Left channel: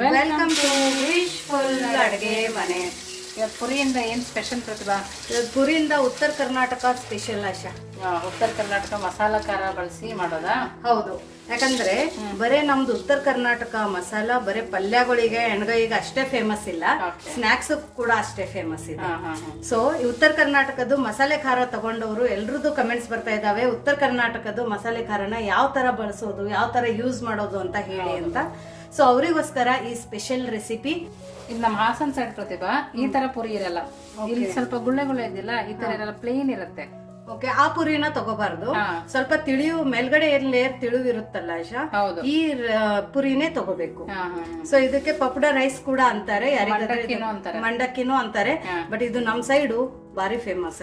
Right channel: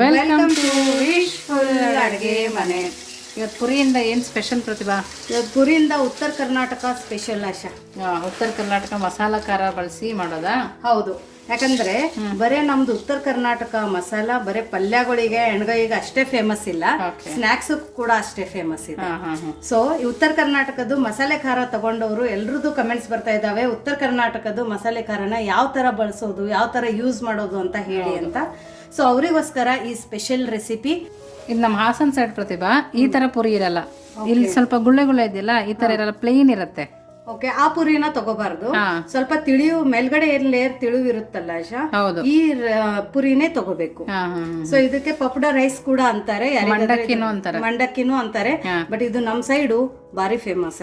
Welcome to wishful ಅಡುಗೆ ಮನೆ ಇವತ್ತು ಪುರಿಯಿಂದ ಏನು ಸ್ಪೆಷಲ್ ಪ್ರತಿಭಾ? ಇವತ್ತು ಪುರಿಯಿಂದ ಉತ್ತರ ಕರ್ನಾಟಕ ಸ್ಪೆಷಲ್ ಆಶಾ. ಉತ್ತರ ಕರ್ನಾಟಕ ಮಸಾಲ ಖಾರ ಬಳಸಿ ಮಾಡೋದಾ? ಹೌದು. ಯಾಕಂದ್ರೆ ಬರೇ ನಮ್ದು ಉತ್ತರ ಕರ್ನಾಟಕ ಮಸಾಲ ಬರೇ ಪಲ್ಯಗಳಿಗೆ ಎಣ್ಗೈಗೆ ಅಷ್ಟೇ ಫೇಮಸ್ ಇಲ್ಲ. ಸ್ನಾಕ್ಸ್ ಕೂಡ ಅಷ್ಟೇ ಫೇಮಸ್ ಇದೆ. ಸೊ ಈ ಉತ್ತರ ಕರ್ನಾಟಕದ್ದು ಮಸಾಲೆ ಖಾರ ತಗೊಂಡವರು ಎಲ್ರದ್ದು ಕಮೆಂಟ್ಸ್ ಬರ್ತಾ ಇದಾವೆ ಉತ್ತರ ಕರ್ನಾಟಕದ್ದು ಮಸಾಲೆ ಖಾರನ ಯಾವ ತರ ಬಳಸೋದು ಯಾವ ತರ ಯೂಸ್ ಮಾಡೋದು ಅಂತ ಹೇಳಿ ಅಂತ. ಸೊ ಅವರಿಗೋಸ್ಕರ ಈ ಸ್ಪೆಷಲ್ ರೆಸಿಪಿ ಇದು ನಮ್ಮ ಹಾಸನ್ ಸೈಡ್ ಪ್ರತಿಭಾ ಈ ತರ ಪುರಿ ಇರಲ್ಲ. ಇಲ್ಲಿ ಸ್ವಲ್ಪ ಗುಳ್ಳೆ ಗುಳ್ಳೆ ಇದೆಯಲ್ಲ ಈ ತರ ಇರಲ್ಲ ಪ್ಲೇನ್ ಇರುತ್ತೆ. ಓಕೆ ಆ ಪುರಿನ ತಗೋಬಾರ್ದು. ಸ್ವಲ್ಪ ತಿಳಿಯು ಮೇಲ್ಗಡೆ ಲೇಯರ್ ತಿಳಿವಿರುತ್ತಲ್ಲ ಆಶಾ? ಈ ಪುರಿನೇ ತಗೋಬೇಕು. ಸೊ ಇದಕ್ಕೆ ಪಪ್ಡ ರೈಸ್ ಕೂಡ ಅಂತಾರೆ. ಮಂಡಕ್ಕಿನೂ ಅಂತಾರೆ. ಬಟ್ ಇದು ನಮ್ ಸೈಡು ಬಾರಿ ಫೇಮಸ್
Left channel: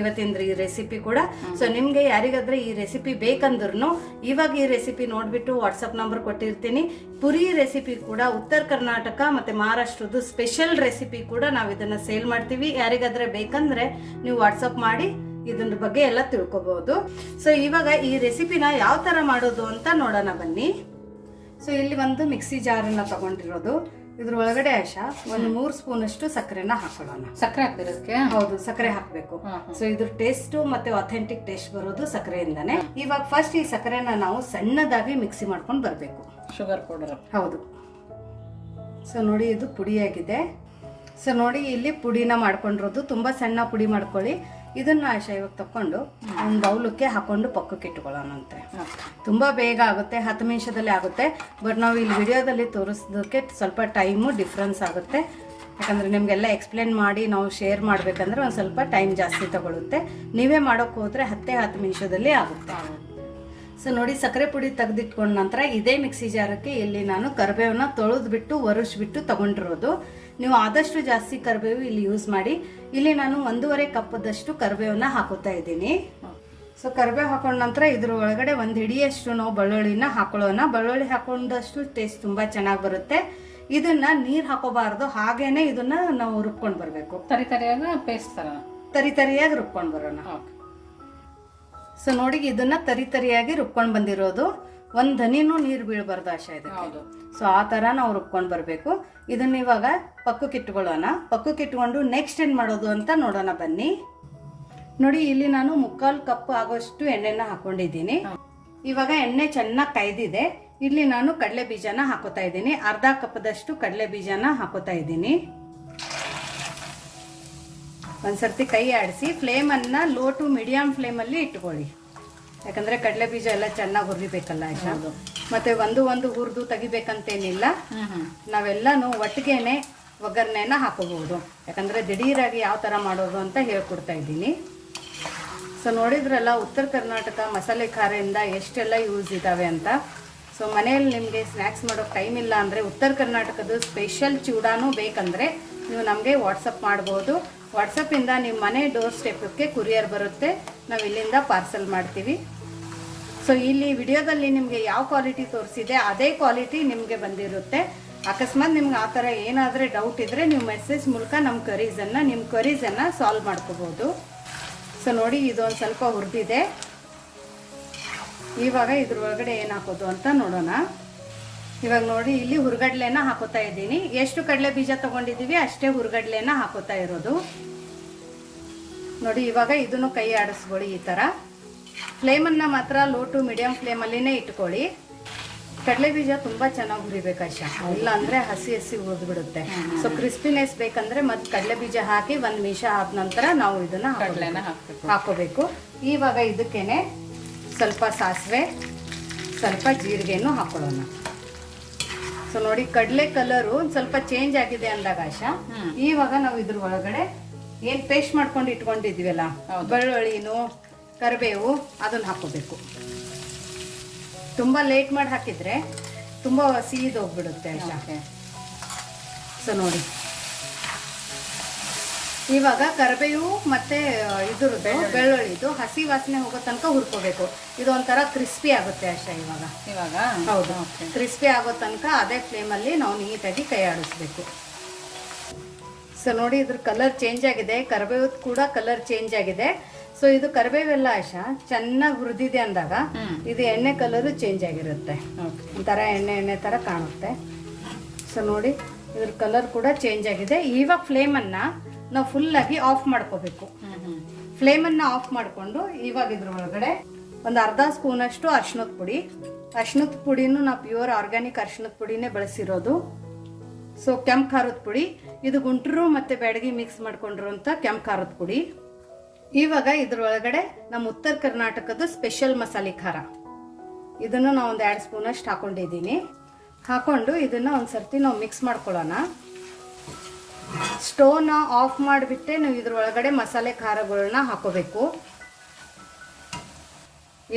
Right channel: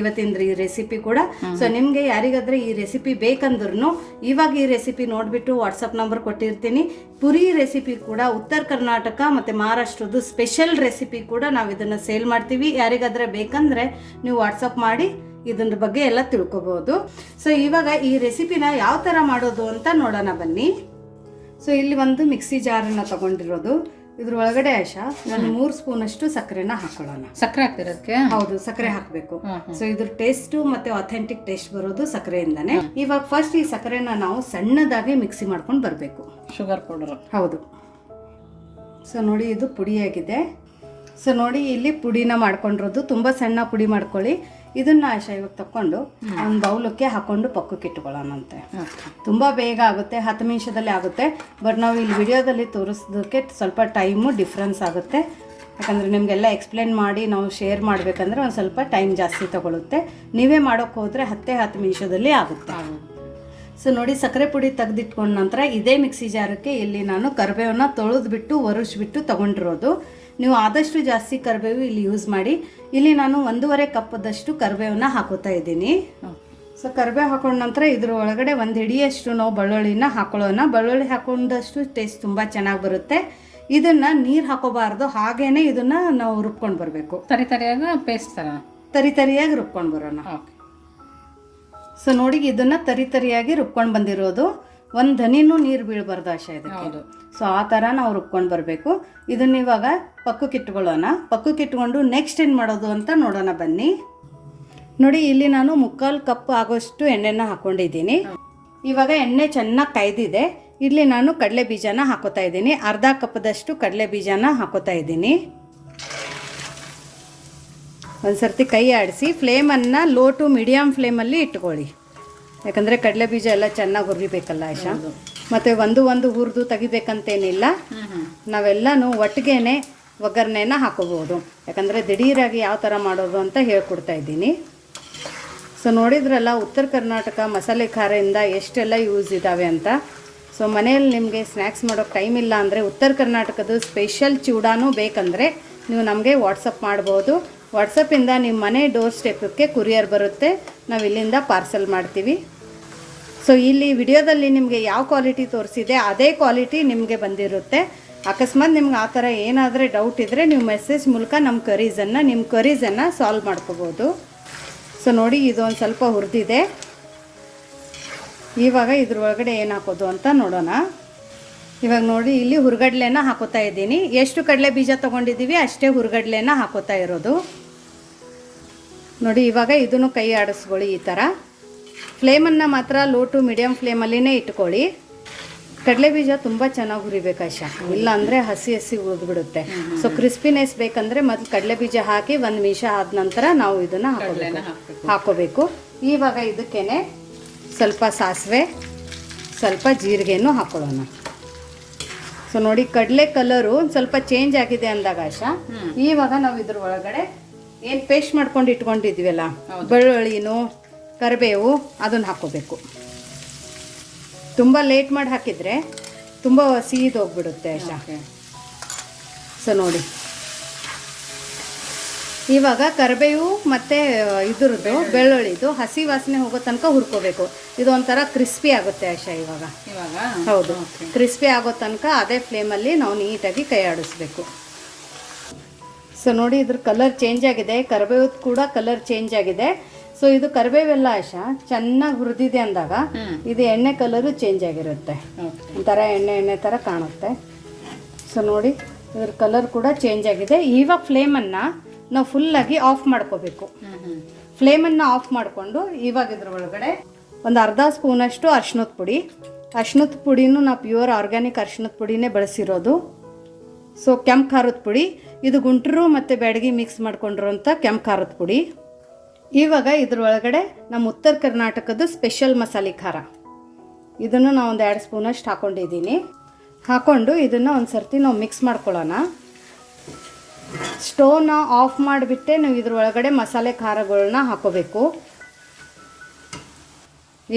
ಇವತ್ತಿನ ಈ ರೆಸಿಪಿ ಕೂಡ. ಸೊ ನಿಮ್ಗೆ ಯಾರಿಗಾದ್ರೆ ಈ ರೆಸಿಪಿ ಬೇಕಂದ್ರೂ ಇವಾಗ ಈ ರೆಸಿಪಿ ನೋಡ್ಬಿಟ್ಟು ವಾಟ್ಸಪ್ ನಂಬರ್ ಕೊಟ್ಟಿರ್ತೀನಿ. ಪುರಿ ರೆಸಿಪಿ ಕೂಡ ಉತ್ತರ ಕರ್ನಾಟಕ ಮತ್ತೆ ಮಹಾರಾಷ್ಟ್ರದ್ದು ಸ್ಪೆಷಲ್ ರೆಸಿಪಿ ಕೂಡ ನಾವು ಇದನ್ನ ಸೇಲ್ ಮಾಡ್ತೀವಿ. ಯಾರಿಗಾದ್ರೆ ಬೇಕಂದ್ರೆ ನೀವು ವಾಟ್ಸ್ಆಪ್ ಮಾಡಿ. ಇದ್ರ ಬಗ್ಗೆ ಎಲ್ಲ ತಿಳ್ಕೊಬಹುದು ಸೊ ಇವಾಗ ಈ ರೆಸಿಪಿನ ಯಾವ ತರ ಮಾಡೋದು ಅಂತ ನೋಡೋಣ ಬನ್ನಿ. ಸೊ ಇಲ್ಲಿ ಒಂದು ಮಿಕ್ಸಿ ಜಾರನ್ನ ತಗೊಂಡಿರೋದು. ಇದ್ರ ಒಳಗಡೆ ಆಶಾ ಒಂದು ಮೂರು ಸ್ಪೂನ್ ಅಷ್ಟು ಸಕ್ಕರೆನ ಹಾಕೊಳ್ಳೋಣ. ಸಕ್ಕರೆ ಹಾಕ್ತಿರಕ್ಕೆ? ಹೌದು ಸಕ್ಕರೆ ಹಾಕಬೇಕು. ಸೊ ಇದ್ರ ಟೇಸ್ಟ್ ಮತ್ತೆ ಅಥೆಂಟಿಕ್ ಟೇಸ್ಟ್ ಬರೋದು ಸಕ್ಕರೆಯಿಂದಾನೆ. ಇವಾಗ ಫಸ್ಟ್ ಈ ಸಕ್ಕರೆನ ನಾವು ಸಣ್ಣದಾಗಿ ಮಿಕ್ಸಿ ಮಾಡ್ಕೊಂಡು ಬರಬೇಕು. ಶುಗರ್ ಪೌಡರ್ ಹೌದು. ಸೊ ನೋಡಿ ಇದು ಪುಡಿಯಾಗಿದೆ. ಸೊ ನೋಡಿ ಇಲ್ಲಿ ಪುಡಿನ ಮಾಡ್ಕೊಂಡಿರೋದು. ತುಂಬ ಸಣ್ಣ ಪುಡಿ ಮಾಡ್ಕೊಳ್ಳಿ. ಇದನ್ನ ಇವಾಗ ತಕೊಂಡು ಒಂದು ಬೌಲಕ್ಕೆ ಹಾಕೊಂಡು ಪಕ್ಕಕ್ಕೆ ಇಟ್ಕೊಳ್ಳೋಣಂತೆ. ತುಂಬ ಬೇಗ ಆಗುತ್ತೆ ಹತ್ತು ನಿಮಿಷದಲ್ಲಿ ಆಗುತ್ತೆ ಬಟ್ ನಾವು ಇಲ್ಲಿ ವಿಡಿಯೋದಲ್ಲಿ ತೋರಿಸೋದಕ್ಕೆ ಸ್ವಲ್ಪ ಟೈಮು ಡಿಫ್ರೆನ್ಸ್ ಆಗುತ್ತೆ. ಯಾಕಂದರೆ ನಿಮಗೆಲ್ಲ ಎಕ್ಸ್ಪ್ಲೇನ್ ಮಾಡಿ ನಾವು ಶೇರ್ ಮಾಡಬೇಕಂದ್ರೆ ಒಂದು ಸ್ವಲ್ಪ ಟೈಮ್ ಜಾಸ್ತಿ ತಗೊಳುತ್ತೆ. ನೀವೇ ಮಾಡೋಕ್ಕೆ ಹೋದರೆ ಹತ್ತೇ ಹತ್ತು ನಿಮಿಷದಲ್ಲಿ ಆಗುತ್ತೆ. ಸೊ ನೋಡಿ ಸಕ್ಕರೆ ಪುಡಿ ತೆಗೆದಿಟ್ಕೊಂಡ ನಂತರ ಇದೇ ಮಿಕ್ಸಿ ಜಾರಕ್ಕೆ ಇಲ್ಲಿ ನಾನು ಕರಿಬೇವನ್ನ ತೊಳೆದ್ಬಿಟ್ಟು ಒರೆಸ್ಬಿಟ್ಟು ತಗೊಂಡಿರೋದು. ನೀವು ಆದಷ್ಟು ಜಾಸ್ತಿ ಕರಿಬೇವು ಇಲ್ಲಿ ಯೂಸ್ ಮಾಡಿ ಇಲ್ಲಿ ನಾನು ಒಂದೂವರೆ ಕಪ್ಪದಷ್ಟು ಕರಿಬೇವನ್ನ ಹಾಕೋತಾ ಇದ್ದೀನಿ. ಸೊ ಕರಿಬೇವು ಹಾಕೊಂಡ ನಂತರ ಇದ್ರ ಒಳಗಡೆ ಒಂದು ಹಿಡಿಯಷ್ಟು ನಾವು ಬೆಳ್ಳುಳ್ಳಿನ ಹಾಕೊಳ್ಳೋಣ. ಬೆಳ್ಳುಳ್ಳಿ ಹಾಕೊಂಡಷ್ಟು ಟೇಸ್ಟ್ ತುಂಬ ಚೆನ್ನಾಗಿ ಬರುತ್ತೆ. ಇದನ್ನ ನೀರು ಹಾಕೋಬಾರ್ದು ಹಾಗೇನೆ ಇದನ್ನ ನಾವು ರುಬ್ಕೊಂಡು ಬರಬೇಕು. ತರಿ ತರಿಯಾಗ ಪೇಸ್ಟ್ ಥರ ತರಿ ತರಿಯಾಗಿ ರುಬ್ಕೊಂಡು ಬರೋಣ. ಸೊ ನೋಡಿ ಇದನ್ನ ತರಿ ತರಿಯಾಗಿ ರುಬ್ಕೊಂಡು ಬಂದಿರೋದು. ಒಂದು ದನಿನೂ ನೀರು ಬೀಳಬಾರ್ದು ಆಶೆ ಇದೆ ಹೌದು. ಸೊ ಆ ಥರ ನಾವು ರುಬ್ಕೊಂಡು ಬರಬೇಕು. ಇದನ್ನ ಇವಾಗ ಪಕ್ಕಕ್ಕೆ ಇಟ್ಕೊಳ್ಳೋಣ. ಪಕ್ಕಕ್ಕೆ ಇಟ್ಕೊಂಡು ನೆಕ್ಸ್ಟ್ ಏನು ಮಾಡೋದು ಅಂತ ನೋಡೋಣ ಬನ್ನಿ. ನೋಡಿ, ಇಲ್ಲಿ ನಾನು ಮುಕ್ಕಾಲು ಕಪ್ ಆಗೋಷ್ಟು ಎಣ್ಣೆನ ಹಾಕೊಂಡಿದ್ದೀನಿ. ಇವಾಗ ಎಣ್ಣೆ ಚೆನ್ನಾಗಿ ಕಾಯ್ದಿದೆ. ಇಲ್ಲಿ ನಾನು ಕಡಲೆ ಬೀಜನ ಹಾಕೋತಾ ಇದ್ದೀನಿ. ಅರ್ಧ ಕಪ್ದಷ್ಟು ಕಡಲೆ ಬೀಜನ ಹಾಕೋತಾ ಇದ್ದೀನಿ. ಒಂದ್ಸರ್ತಿ ಕೈ ಆಡಿಸಿ ಫ್ಲೇಮನ್ನು ಲೋ ಟು ಮೀಡಿಯಮ್ ಫ್ಲೇಮಲ್ಲಿ ಇಟ್ಕೊಳ್ಳಿ. ಯಾಕಂದರೆ ಕಡಲೆ ಬೀಜ ಎಲ್ಲ ಚೆನ್ನಾಗಿ ಹುರಿಬೇಕಲ್ಲ ಆಶಾ ಮತ್ತು ಒಂದು ಒಂದು ಹುರಿದು ತೆಗಿಬೇಕಂತೇನಿಲ್ಲ. ನಾವೆಲ್ಲಾನು ಒಟ್ಟಿಗೆನೆ ಒಗ್ಗರಣೆನ ಹಾಕೋಬೋದು. ಯಾಕಂದರೆ ದಿಢೀರಾಗಿ ಯಾವ ಥರ ಮಾಡೋದು ಅಂತ ಹೇಳ್ಕೊಡ್ತಾ ಇದ್ದೀನಿ. ಸೊ ನೋಡಿದ್ರಲ್ಲ ಉತ್ತರ ಕರ್ನಾಟಕ ಮಸಾಲೆ ಖಾರದಿಂದ ಎಷ್ಟೆಲ್ಲ ಯೂಸ್ ಇದ್ದಾವೆ ಅಂತ. ಸೊ ಮನೆಯಲ್ಲಿ ನಿಮಗೆ ಸ್ನ್ಯಾಕ್ಸ್ ಮಾಡೋಕ್ಕೆ ಟೈಮ್ ಇಲ್ಲ ಅಂದರೆ ಉತ್ತರ ಕರ್ನಾಟಕದ ಸ್ಪೆಷಲ್ ಚೂಡಾನು ಬೇಕಂದರೆ ನೀವು ನಮಗೆ ವಾಟ್ಸಪ್ ಮಾಡ್ಬೋದು. ವಾಟ್ಸಪ್ಪಿಂದ ನಿಮ್ಮ ಮನೆ ಡೋರ್ ಸ್ಟೆಪ್ಪಕ್ಕೆ ಕುರಿಯರ್ ಬರುತ್ತೆ. ನಾವು ಇಲ್ಲಿಂದ ಪಾರ್ಸಲ್ ಮಾಡ್ತೀವಿ. ಸೊ ಇಲ್ಲಿ ವಿಡಿಯೋದಲ್ಲಿ ನಿಮಗೆ ಯಾವ ಕ್ವಾಲಿಟಿ ತೋರಿಸಿದೆ, ಅದೇ ಕ್ವಾಲಿಟಿ ನಿಮಗೆ ಬಂದಿರುತ್ತೆ. ಅಕಸ್ಮಾತ್ ನಿಮ್ಗೆ ಆ ಥರ ಏನಾದರೆ ಡೌಟ್ ಇದ್ದರೆ ನೀವು ಮೆಸೇಜ್ ಮೂಲಕ ನಮ್ಮ ಕರೀಸನ್ನು ನಿಮ್ಮ ಕರೀಸನ್ನು ಸಾಲ್ವ್ ಮಾಡ್ಕೋಬೋದು. ಸೊ ನೋಡಿ ಇದು ಒಂದು ಸ್ವಲ್ಪ ಹುರಿದಿದೆ. ಇವಾಗ ಇದ್ರ ಒಳಗಡೆ ಏನು ಹಾಕೋದು ಅಂತ ನೋಡೋಣ. ಇವಾಗ ನೋಡಿ, ಇಲ್ಲಿ ಹುರ್ಗಡ್ಲೆನ ಹಾಕೋತಾ ಇದ್ದೀನಿ. ಎಷ್ಟು ಕಡಲೆ ಬೀಜ ತೊಗೊಂಡಿದ್ದೀವಿ, ಅಷ್ಟೇ ಹುರ್ಗಡ್ಲೆನ ಹಾಕೋತಾ ಇರೋದು. ನೋಡಿ, ಇವಾಗ ಇದನ್ನು ಕೈ ಆಡಿಸ್ಕೊಳ್ಳಿ ಈ ಥರ. ಫ್ಲೇಮನ್ನು ಮಾತ್ರ ಲೋ ಟು ಮೀಡಿಯಮ್ ಫ್ಲೇಮಲ್ಲಿನೇ ಇಟ್ಕೊಳ್ಳಿ. ಕಡಲೆ ಬೀಜ ತುಂಬ ಚೆನ್ನಾಗಿ ಹುರಿಬೇಕು ಆಶಾ ಇಲ್ಲ ಅಂದರೆ ಹಸಿ ಹಸಿ ಹುರಿದ್ಬಿಡುತ್ತೆ ಸೊ ಕ್ರಿಸ್ಪಿನೆಸ್ ಬೇಕಂದ್ರೆ ಮೊದಲು ಕಡಲೆ ಬೀಜ ಹಾಕಿ ಒಂದು ನಿಮಿಷ ಆದ ನಂತರ ನಾವು ಇದನ್ನು ಹಾಕೋಬೇಕು. ಇವಾಗ ಇದಕ್ಕೇನೆ ಸ್ವಲ್ಪ ಸಾಸಿವೆ ಸ್ವಲ್ಪ ಜೀರಿಗೆನೂ ಹಾಕೊಳ್ಳೋಣ. ಸೊ ನೋಡಿ ಕಡಲೆ ಕಲರು ಸ್ವಲ್ಪ ಚೇಂಜ್ ಆಗಿದೆ ಅಂದಾಗ ಆಶಾ. ಇವಾಗ ನಾವು ಇದ್ರ ಒಳಗಡೆ ಏನು ಪೇಸ್ಟ್ ಮಾಡ್ಕೊಂಡು ಇಟ್ಕೊಂಡಿದ್ವಿ ಅಲ್ಲ ಬೆಳ್ಳುಳ್ಳಿನೂ ಕರಿಬೇವು ಅದನ್ನು ಹಾಕೋಬೇಕು. ತುಂಬ ಲೇಟ್ ಮಾಡಿ ಹಾಕಿದರೆ ತುಂಬ ಸೀದೋಗ್ಬಿಡುತ್ತೆ ಆಶಾ ಓಕೆ ಸೊ ನೋಡಿ. ಇವಾಗ ಕರಿಬೇವು ಮತ್ತು ಇದ್ರದ್ದು ಬೆಳ್ಳುಳ್ಳಿದು ಹಸಿ ವಾಸನೆ ಹೋಗೋ ತನಕ ಹುರ್ಕೋಬೇಕು. ಇದು ಒಂಥರ ಕ್ರಿಸ್ಪಿ ಆಗುತ್ತೆ ಆಶಾ ಇವಾಗ. ಇವಾಗ? ಹೌದು. ಕ್ರಿಸ್ಪಿ ಆಗೋ ತನಕ ಅದೇ ಫ್ಲೇಮಲ್ಲಿ ನಾವು ನೀಟಾಗಿ ಕೈ ಆಡಿಸ್ಬೇಕು ಸೊ ನೋಡಿ ಇದ್ರ ಕಲರ್ ಚೇಂಜ್ ಆಗಿದೆ. ಕರಿಬೇವು ಕೂಡ ಕಲರ್ ಚೇಂಜ್ ಆಗಿದೆ. ಸೊ ಇದು ಕರಿಬೇವೆಲ್ಲ ಆಶಾ ಚೆನ್ನಾಗಿ ಹುರಿದಿದೆ ಅಂದಾಗ ಇದು ಎಣ್ಣೆ ಕಲರು ಚೇಂಜ್ ಆಗಿರುತ್ತೆ. ಒಂಥರ ಎಣ್ಣೆ ಎಣ್ಣೆ ಥರ ಕಾಣುತ್ತೆ. ಸೊ ನೋಡಿ ಇದ್ರ ಕಲರ್ ಕೂಡ ಚೇಂಜ್ ಆಗಿದೆ. ಇವಾಗ ಫ್ಲೇಮನ್ನು ನಾವು ಫುಲ್ಲಾಗಿ ಆಫ್ ಮಾಡ್ಕೋಬೇಕು. ಫ್ಲೇಮನ್ನು ಆಫ್ ಮಾಡಿಕೊಂಡು ಇವಾಗ ಇದ್ರ ಒಳಗಡೆ ಒಂದು ಅರ್ಧ ಸ್ಪೂನಷ್ಟು ಅರ್ಶಿನದ ಪುಡಿ. ಅರ್ಶಿನದ ಪುಡಿನೂ ನಾವು ಪ್ಯೂರ್ ಆರ್ಗ್ಯಾನಿಕ್ ಅರ್ಶಿನದ ಪುಡಿನೇ ಬಳಸಿರೋದು. ಸೊ ಕೆಂಪು ಖಾರದ ಪುಡಿ, ಇದು ಗುಂಟರು ಮತ್ತು ಬ್ಯಾಡಗಿ ಮಿಕ್ಸ್ ಮಾಡ್ಕೊಂಡಿರೋಂಥ ಕೆಂಪು ಖಾರದ ಪುಡಿ. ಇವಾಗ ಇದರೊಳಗಡೆ ನಮ್ಮ ಉತ್ತರ ಕರ್ನಾಟಕದ ಸ್ಪೆಷಲ್ ಮಸಾಲೆ ಖಾರ. ಇದನ್ನು ನಾವು ಒಂದು ಎರಡು ಸ್ಪೂನಷ್ಟು ಹಾಕೊಂಡಿದ್ದೀನಿ. ಹಾಕ್ಕೊಂಡು ಇದನ್ನು ಒಂದು ಸರ್ತಿ ನಾವು ಮಿಕ್ಸ್ ಮಾಡ್ಕೊಳ್ಳೋಣ. ಸ್ಟೋವ್ನ ಆಫ್ ಮಾಡಿಬಿಟ್ಟೆ ನಾವು ಇದರೊಳಗಡೆ ಮಸಾಲೆ ಖಾರಗಳನ್ನ ಹಾಕೋಬೇಕು.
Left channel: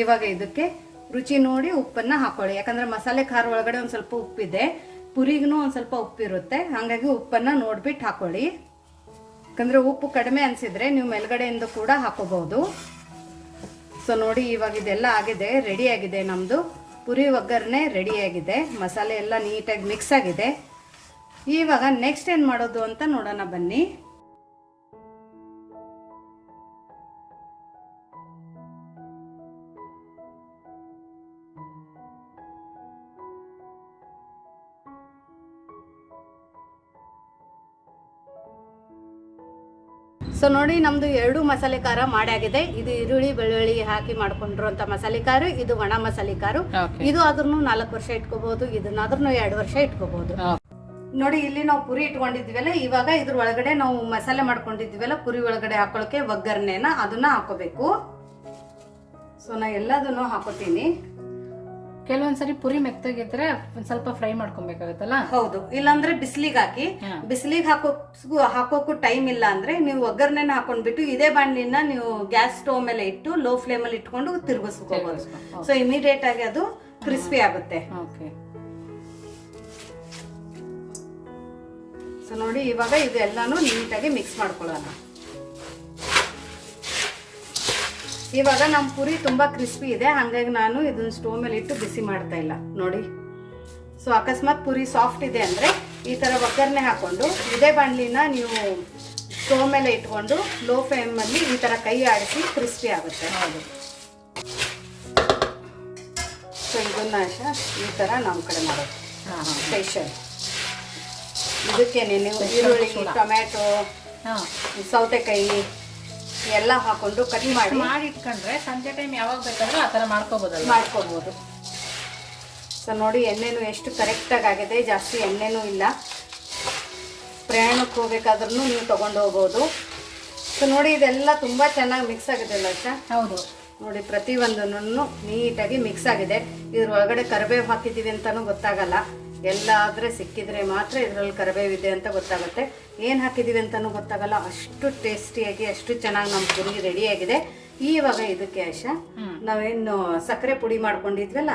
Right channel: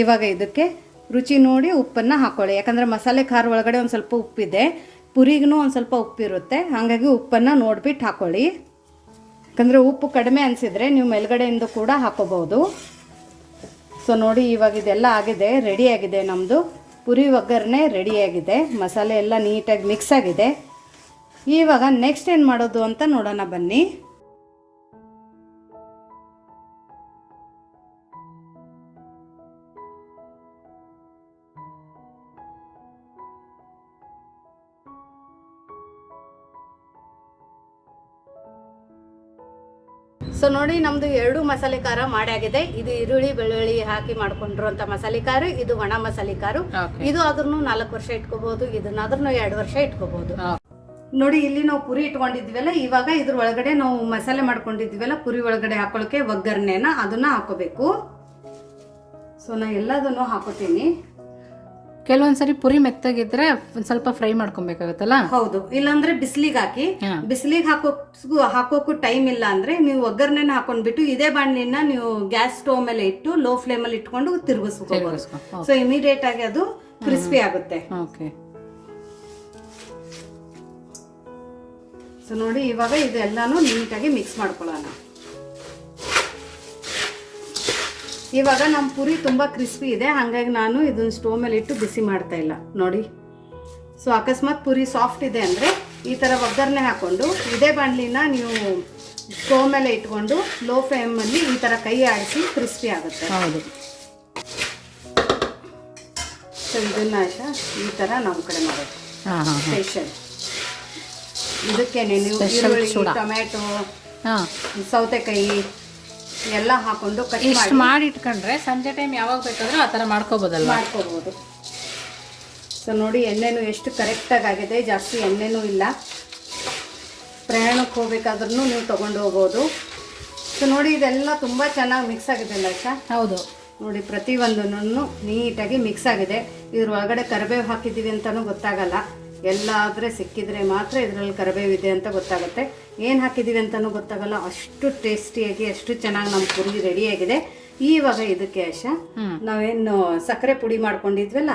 ಇವಾಗ ಇದಕ್ಕೆ ರುಚಿ ನೋಡಿ ಉಪ್ಪನ್ನು ಹಾಕ್ಕೊಳ್ಳಿ ಯಾಕಂದರೆ ಮಸಾಲೆ ಖಾರ ಒಳಗಡೆ ಒಂದು ಸ್ವಲ್ಪ ಉಪ್ಪಿದೆ. ಪುರಿಗೂ ಒಂದು ಸ್ವಲ್ಪ ಉಪ್ಪಿರುತ್ತೆ. ಹಾಗಾಗಿ ಉಪ್ಪನ್ನು ನೋಡ್ಬಿಟ್ಟು ಹಾಕ್ಕೊಳ್ಳಿ ಯಾಕಂದರೆ ಉಪ್ಪು ಕಡಿಮೆ ಅನಿಸಿದರೆ ನೀವು ಮೇಲ್ಗಡೆಯಿಂದ ಕೂಡ ಹಾಕೋಬೋದು ಸೊ ನೋಡಿ ಇವಾಗ ಇದೆಲ್ಲ ಆಗಿದೆ ರೆಡಿಯಾಗಿದೆ ನಮ್ಮದು ಪುರಿ ಒಗ್ಗರಣೆ ರೆಡಿಯಾಗಿದೆ ಮಸಾಲೆ ಎಲ್ಲ ನೀಟಾಗಿ ಮಿಕ್ಸ್ ಆಗಿದೆ. ಇವಾಗ ನೆಕ್ಸ್ಟ್ ಏನು ಮಾಡೋದು ಅಂತ ನೋಡೋಣ ಬನ್ನಿ. ಸೊ ನೋಡಿ ನಮ್ದು ಎರಡು ಮಸಾಲೆ ಖಾರ ಮಾಡಾಗಿದೆ ಇದು ಈರುಳ್ಳಿ ಬೆಳ್ಳುಳ್ಳಿ ಹಾಕಿ ಮಾಡ್ಕೊಂಡಿರುವಂತ ಮಸಾಲೆ ಖಾರ ಇದು ಒಣ ಮಸಾಲೆ ಖಾರ. ಇದು ಆದ್ರೂ ನಾಲ್ಕು ವರ್ಷ ಇಟ್ಕೋಬಹುದು ಇದನ್ನಾದ್ರೂ ಎರಡು ವರ್ಷ ಇಟ್ಕೋಬಹುದು ನೋಡಿ ಇಲ್ಲಿ ನಾವು ಪುರಿ ಇಟ್ಕೊಂಡಿದ್ವಲ್ಲ ಇವಾಗ ಇದ್ರ ಒಳಗಡೆ ನಾವು ಮಸಾಲೆ ಮಾಡ್ಕೊಂಡಿದ್ವಲ್ಲ ಪುರಿ ಒಳಗಡೆ ಹಾಕೊಳ್ಳೋಕೆ ಒಗ್ಗರಣೆನ ಅದನ್ನ ಹಾಕೋಬೇಕು. ಸೊ ನಾ ಎಲ್ಲದನ್ನು ಹಾಕೋತೀನಿ. ಕೆಲವೊಂದ್ಸರಿ ಪುರಿ ಮೆತ್ತಗಿದ್ರೆ ಸ್ವಲ್ಪ ಫ್ರೈ ಮಾಡ್ಕೊಬೇಕಾಗತ್ತಲ್ಲ? ಹೌದು. ಇಲ್ಲಾಂದ್ರೆ ಬಿಸಿಲಿಗೆ ಹಾಕಿ. ಹಾ. ಬಿಸಿಲಿಗೆ ಹಾಕೋ ಹಾಕೋಕ್ಕೂ ಟೈಮ್ ಇಲ್ಲ ಅಂದ್ರೆ ನೀವು ಒಗ್ಗರಣೆನ ಹಾಕೊಂಡ್ಬಿಟ್ಟು ಇದೇ ಬಾಣಲಿನ ನೀವು ಗ್ಯಾಸ್ ಸ್ಟೋವ್ ಮೇಲೆ ಇಟ್ಟು ಲೋ ಫ್ಲೇಮ್ ಅಲ್ಲಿ ಇಟ್ಕೊಂಡು ತಿರುಗಿಸ್ಕೋಬಹುದು ತಿರ್ಗಿಸ್ಕೊ- ಸೊ ಇಮಿಡಿಯೇಟ್ ಆಗಿ ಅದು ಕ್ರಿಸ್ಪಿ ಆಗುತ್ತೆ. ಓಕೆ. ಸೊ ನೋಡಿ ಇವಾಗ ಇದೆಲ್ಲಾನು ನೀಟಾಗಿ ಮಿಕ್ಸ್ ಮಾಡ್ಕೊಳ್ಳೋಣ. ಇವಾಗ ನಮ್ಮ ಪುರಿ ತುಂಬ ಕ್ರಿಸ್ಪಿ ಇದೆ. ಹಾಗಾಗಿ ನಾನು ಇದನ್ನ ಸ್ಟೋವ್ ಮೇಲೆ ಇಟ್ಟು ಬಿಸಿ ಮಾಡ್ತಾ ಇಲ್ಲ. ನೋಡಿ. ಸೊ ಅಕಸ್ಮಾತ್ ಪುರಿ ಸಾಫ್ಟ್ ಇದೆ ಅಂದರೆ ಈ ಥರ ಒಗ್ಗರಣೆ ಹಾಕ್ಕೊಂಡು ಇದೇ ಬಾಣಲಿನ ನೀವು ಸ್ಟೋವ್ ಮೇಲೆ ಇಟ್ಕೊಂಡು ಲೋ ಫ್ಲೇಮಲ್ಲಿ ಈ ಥರ ಕೈ ಆಡಿಸಿ ಕ್ರಿಸ್ಪಿ ಆಗುತ್ತೆ. ಹೌದು. ಸೊ ಇದನ್ನ ಆಯ್ತಾ? ಈ ಥರ ನಮ್ಮ ಕಡೆ ಮಾಡೋದು. ಸ್ಪೆಷಲ್ ಇದಕ್ಕೇನೆ ನೀವು ಈರುಳ್ಳಿ. ಟೊಮ್ಯಾಟೊ ಸೌತೆಕಾಯಿ ಎಲ್ಲ ಹಾಕೊಂಡು ಕಟ್ ಇಷ್ಟು ಮಾಡಿ. ಮಾಡಿ ಇಟ್ಕೊಂಡ್ರೆ ಸಂಜೆ ಟೈಮ್ ಯಾವಾಗ ಬೇಕಾದ್ರೂ ಆ ಥರ ಮಾಡ್ಕೋಬೋದಲ್ವಾ? ಮಾಡ್ಕೋಬಹುದು ಸೊ ನೋಡಿ ಎಣ್ಣೆನು ಎಷ್ಟು ಕರೆಕ್ಟಾಗಿ ಆಗಿದೆ ಜಾಸ್ತಿ ಎಣ್ಣೆನೂ ಇಲ್ಲ. ಪ್ರಯಾಣಕ್ಕೆ ಹೋಗ್ಬೇಕಾದ್ರೂ ನೀವು ತೊಗೊಂಡು ಹೋಗ್ಬೋದು ಸೊ ನೋಡಿ ಇದೆಲ್ಲ ತುಂಬ ಚೆನ್ನಾಗಿ ಮಿಕ್ಸ್ ಆಗಿದೆ ಲೈಶ ಹೌದು. ನೋಡಿ ಪ್ರತಿಯೊಂದನ್ನು ನೀಟಾಗಿ ಮಿಕ್ಸ್ ಆಗಿದೆ. ಇದ್ರ ಒಳಗಡೆ ಕರಿಬೇವು ಹಾಕಿದ್ದೀವಿ ಅಂತಲೂ ಗೊತ್ತಾಗಲ್ಲ. ಎಲ್ಲ ಆದರೆ ಸಿಕ್ಕಿದ್ರೆ ಮಾತ್ರ ಇದರಲ್ಲಿ ಕರಿಬೇವಿದೆ ಅಂತ ಗೊತ್ತಾಗುತ್ತೆ. ಏನು ಹಾಕಿದ್ದೀವಿ ಅಂತಲೂ ಗೊತ್ತಾಗಲ್ಲ. ಅಷ್ಟು ಟೇಸ್ಟಿಯಾಗಿ ಅಷ್ಟು ಚೆನ್ನಾಗಿ ನಮ್ಮ ಪುರಿ ರೆಡಿಯಾಗಿದೆ ಇವಾಗ ಇದಕ್ಕೆ ಆಶ ನಾವೇನು ಸಕ್ಕರೆ ಪುಡಿ ಮಾಡ್ಕೊಂಡಿದ್ವಲ್ಲ?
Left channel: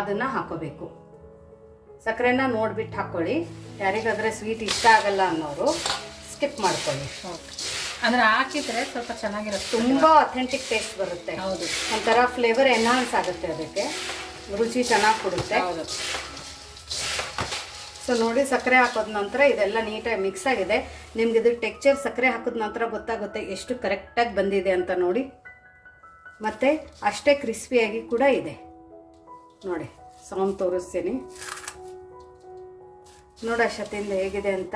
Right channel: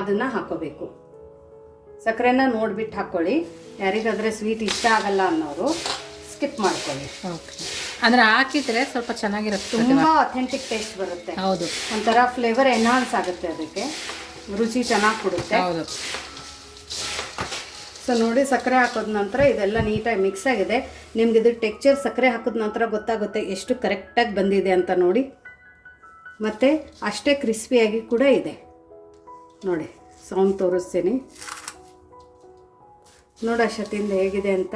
ಅದನ್ನ ಹಾಕೋಬೇಕು. ಸಕ್ಕರೆನ ನೋಡ್ಬಿಟ್ಟು ಹಾಕ್ಕೊಳ್ಳಿ ಯಾರಿಗಾದ್ರೆ ಸ್ವೀಟ್ ಇಷ್ಟ ಆಗಲ್ಲ ಅನ್ನೋರು ಸ್ಕಿಪ್ ಮಾಡ್ಕೊಳ್ಳಿ. ಅಂದ್ರೆ ಹಾಕಿದ್ರೆ ಸ್ವಲ್ಪ ಚೆನ್ನಾಗಿರುತ್ತೆ. ತುಂಬ ಅಥೆಂಟಿಕ್ ಟೇಸ್ಟ್ ಬರುತ್ತೆ. ಹೌದು. ಒಂಥರ ಫ್ಲೇವರ್ ಎನ್ಹಾನ್ಸ್ ಆಗುತ್ತೆ ಅದಕ್ಕೆ. ರುಚಿ ಚೆನ್ನಾಗಿ ಕೊಡುತ್ತೆ. ಹೌದು. ಸೊ ನೋಡಿ ಸಕ್ಕರೆ ಹಾಕೋದ ನಂತರ ಇದೆಲ್ಲ ನೀಟಾಗಿ ಮಿಕ್ಸ್ ಆಗಿದೆ. ನಿಮ್ಗೆ ಇದು ಟೆಕ್ಚರ್ ಸಕ್ಕರೆ ಹಾಕಿದ ನಂತರ ಗೊತ್ತಾಗುತ್ತೆ ಎಷ್ಟು ಕರೆಕ್ಟಾಗಿ ಬಂದಿದೆ ಅಂತ ನೋಡಿ. ಮತ್ತು ಅಷ್ಟೇ ಕ್ರಿಸ್ಪಿಯಾಗಿ ಕೂಡ ಇದೆ. ನೋಡಿ ಸೌಂಡ್ ತೋರಿಸ್ತೀನಿ. ನೋಡ ಶತಿಯಿಂದ ಹೇಗಿದೆ ಅಂತ.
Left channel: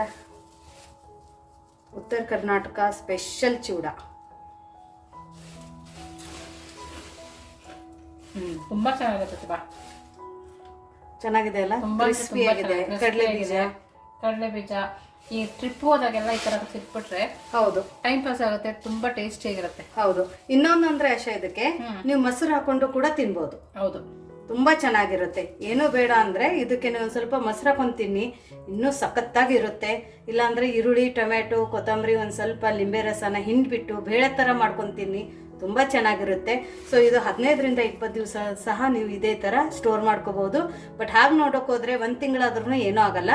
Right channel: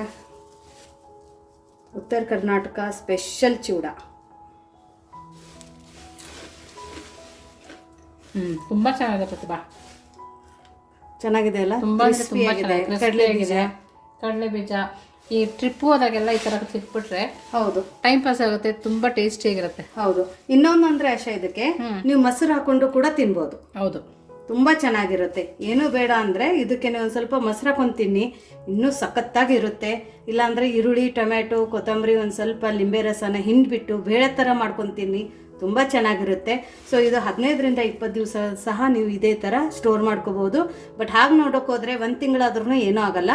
ಉತ್ತರ ಕರ್ನಾಟಕ ಸ್ಪೆಷಲ್ ಚೂಡ. ಹ್ಞೂ ತುಂಬಾ ಚೆನ್ನಾಗಿದೆ ಪ್ರತಿಭಾ. ಚೆನ್ನಾಗಿದೆ ಅಲ್ಲ? ತುಂಬಾ ಆಗಿದೆ ಕಡಲೆ ಬೀಜ. ಕಡಲೆ ಬೀಜ. ಈ ಟ್ರಿಪ್ ಹೋದಾಗೆಲ್ಲ ಈ ತರ ತಿಟ್ಬಿಟ್ರೆ ಹೌದು. ಟೈಮ್ ಪಾಸ್ ಆಗುತ್ತೆ ತುಂಬಾ ಟೇಸ್ಟಿ ಆಗಿರುತ್ತೆ. ಹೌದು. ಇನ್ನೊಂದು ಅಂದ್ರೆ ಅಷ್ಟೇ ಇದಕ್ಕೆ ನೀವು ಮೊಸರು ಹಾಕೊಂಡು ಕೂಡ ತಿನ್ಬೋದು. ಹೌದು. ತುಂಬಾ ಚೆನ್ನಾಗಿರುತ್ತೆ. ಏನೂ ಬೇಡ ಅಂದ್ರೆ ಇದಕ್ಕೆ ನೀವು ಒಂದು ಸ್ವಲ್ಪ ಮೊಸರು ಹಾಕೊಂಡು ತಿನ್ನಿ. ಇನ್ನೂ ಸಖತ್ತಾಗಿರುತ್ತೆ. ಇಲ್ಲಾಂದರೆ ಈರುಳ್ಳಿ ಟೊಮೆಟೊ ಕೊತ್ತಂಬರಿ ಒಂದು ಸ್ವಲ್ಪ ಲಿಂಬೆ ರಸನ ಹಿಂಡ್ಬಿಟ್ಟು ಬೇಳೆ ಥರ ಮಾಡ್ಕೊಂಡು ತಿನ್ನಿ. ತುಂಬ ಚೆನ್ನಾಗಿರುತ್ತೆ. ಸೊ ಇದು ಹದಿನೈದರಿಂದ ಇಪ್ಪತ್ತು ದಿವಸ ಸಹ ನೀವು ಇದೇ ಥರ ಸ್ಟೋರ್ ಮಾಡ್ಕೋಬೋದು ಬಟ್ ಹಾಗೆ ನೋಡೋಕೆ ಹೋದರೆ ಒಂದು ತಿಂಗಳಾದ್ರೂ ಏನೂ ಆಗಲ್ಲ.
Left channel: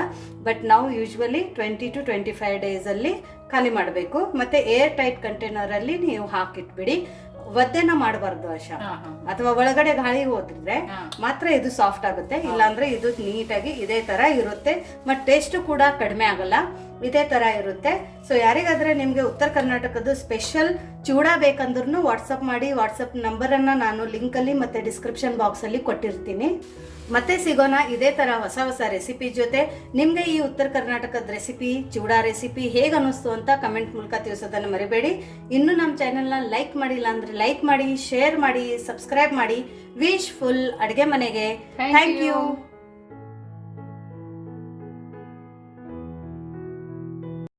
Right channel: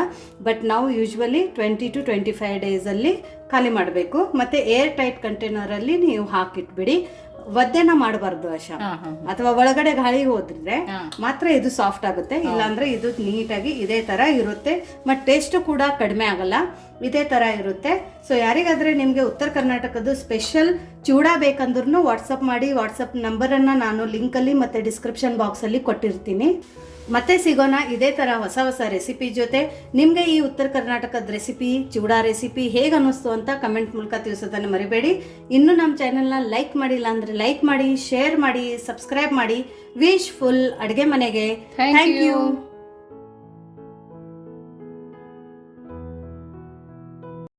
ಬಟ್ ನಾವು usually twenty two twenty five ಡೇಸಲ್ಲಿ ಖಾಲಿ ಮಾಡಬೇಕು. ಮತ್ತು ಏರ್ ಟೈಟ್ ಕಂಟೈನರಲ್ಲಿ ನೀವು ಹಾಕಿಟ್ಬಿಡಿ. ಒದ್ದೆನ ಮಾಡಬಾರ್ದು ಹಾ ಅಥವಾ ಒಳಗಡೆ ಗಾಳಿ ಹೋದ್ರೆ ಮಾತ್ರ ಇದು ಸಾಫ್ಟ್ ಆಗುತ್ತೆ. ಇಲ್ಲಾಂದ್ರೆ ಇದು ನೀಟಾಗಿ ಇದೇ ತರ ಇರುತ್ತೆ. ಮತ್ತು ಟೇಸ್ಟ್ ಕೂಡ ಕಡಿಮೆ ಆಗಲ್ಲ. ಇದೇ ತರ ಇರುತ್ತೆ. ಸೊ ಯಾರಿಗಾದ್ರೆ ನಿಮಗೆ ಉತ್ತರ ಕರ್ನಾಟಕದ ಸ್ಪೆಷಲ್ ಚೂಡ ಬೇಕಂದ್ರೂ ವಾಟ್ಸಪ್ ಮಾಡಿ. ವಾಟ್ಸಪ್ ನಂಬರನ್ನು ನಾನು ಲಿಂಕಲ್ಲಿ ಮತ್ತು ಡಿಸ್ಕ್ರಿಪ್ಷನ್ ಬಾಕ್ಸಲ್ಲಿ ಕೊಟ್ಟಿರ್ತೀನಿ. ಮತ್ತೆ ಸಿಗೋಣ ಇದೇ ಥರ ಹೊಸ ಹೊಸ ರೆಸಿಪಿ ಜೊತೆ. ನಿಮಗೆ ಈ ಉತ್ತರ ಕರ್ನಾಟಕದ ರೆಸಿಪಿ ಚಿವಡಾ ರೆಸಿಪಿ ಹೇಗೆ ಅನ್ನಿಸ್ತು ಅಂತ ಕಮೆಂಟ್ ಮೂಲಕ ತಿಳಿಸೋದನ್ನು ಮರಿಬೇಡಿ. ಇನ್ನು ನಮ್ಮ ಚಾನೆಲ್ನ ಲೈಕ್ ಮಾಡಿಲ್ಲ ಅಂದರೆ ಲೈಕ್ ಮಾಡಿ ಶೇರ್ ಮಾಡಿ ಸಬ್ಸ್ಕ್ರೈಬ್ ಮಾಡಿ. ವಿಶ್ ಫುಲ್ ಅಡುಗೆ ಮನೆಗೆ. Thank you